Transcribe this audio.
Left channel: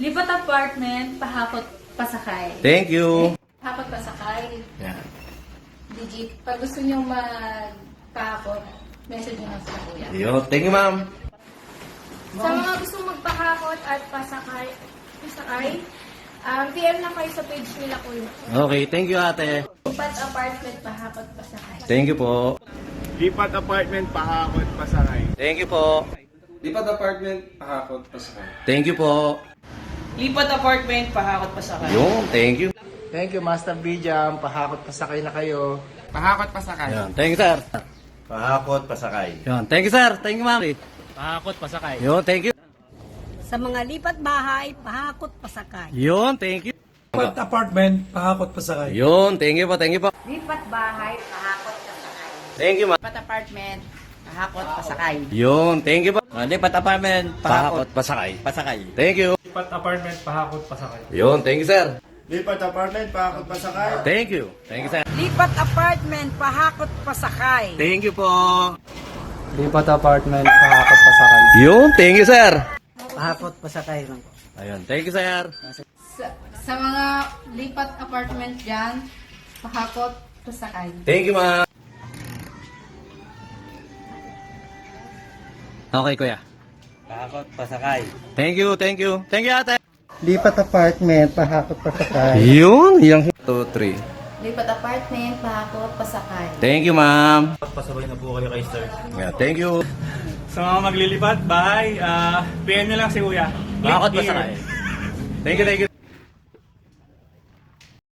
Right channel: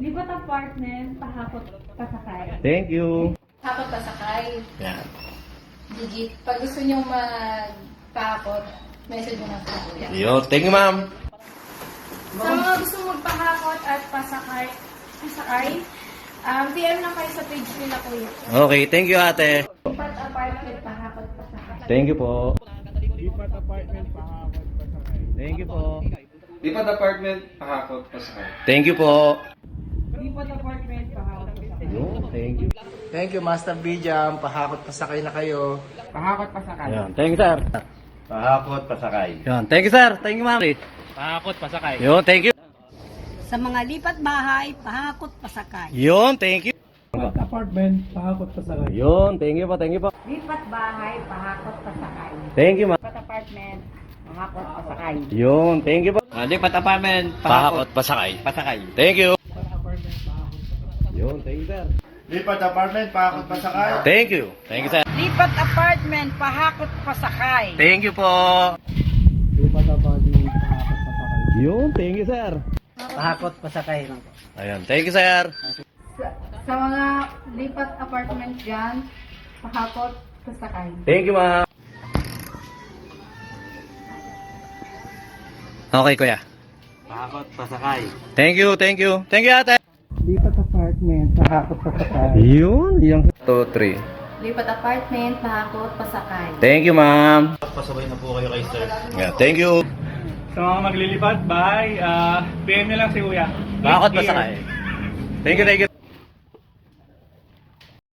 Lipat apartment, pahakot, pasakay. Thank you. Hakot, pasakay. Yan. Digit. Pag gusto nyo magpahakot, message nyo lang sa kuya. Yo, thank you, ma'am. Sa mga gusto magpahakot at pasakay, DM lang kayo sa page nila kuya. Okay, thank you, ate. Lipat apartment, pahakot, pasakay. Thank you po. Lipat apartment, pahakot, pasakay. Thank you po. Lipat apartment, pahakot, pasakay. Thank you po. Lipat apartment, pahakot pa sa kanya. Yo, thank you. Thank you, Master B-Jam. Pahakot pasakay na kayo. Pahakot, pasakay. Yan, thank you, sir. Pahakot, pasakay. Yan, thank you, sir. Thank you, ma'am. Pahakot, pasakay. Yo, thank you. Sa mga lipat bahay, pahakot pasakay. Yun, thank you. Lipat apartment, pahakot, pasakay. Yun, thank you po, thank you po. Lipat bahay, pahakot pasakay. Thank you, ma'am. Lipat apartment, pahakot pa sa kanya. Yun, thank you po. Lipat apartment, Pahakot, pasakay. pasakay. Thank you. Lipat apartment, pahakot, pasakay. Yun, thank you, sir. Lipat apartment, pahakot, pasakay. Thank you. Thank you, sir. Lipat apartment, pahakot pa sa kanya. Thank you po. Lipat apartment, pahakot pasakay. Yun, thank you, sir. Pahakot pasakay lang po. Ayun, thank you, sir. Sa mga lipat apartment dyan, pahakot, pasakay. Thank you, ma'am. Okay, kuya. Pahakot, pasakay. Thank you, thank you. Thank you, ate. Lipat apartment, pahakot pasakay. Yun, yung 2, 3. Lipat apartment, pahakot, pasakay. Thank you, ma'am. Pasabay na po kayo kay sir. Yeah, thank you. Sa mga maglilipat, bahay, PM nyo lang si Kuya. Bakit pa sakay? Thank you, thank you.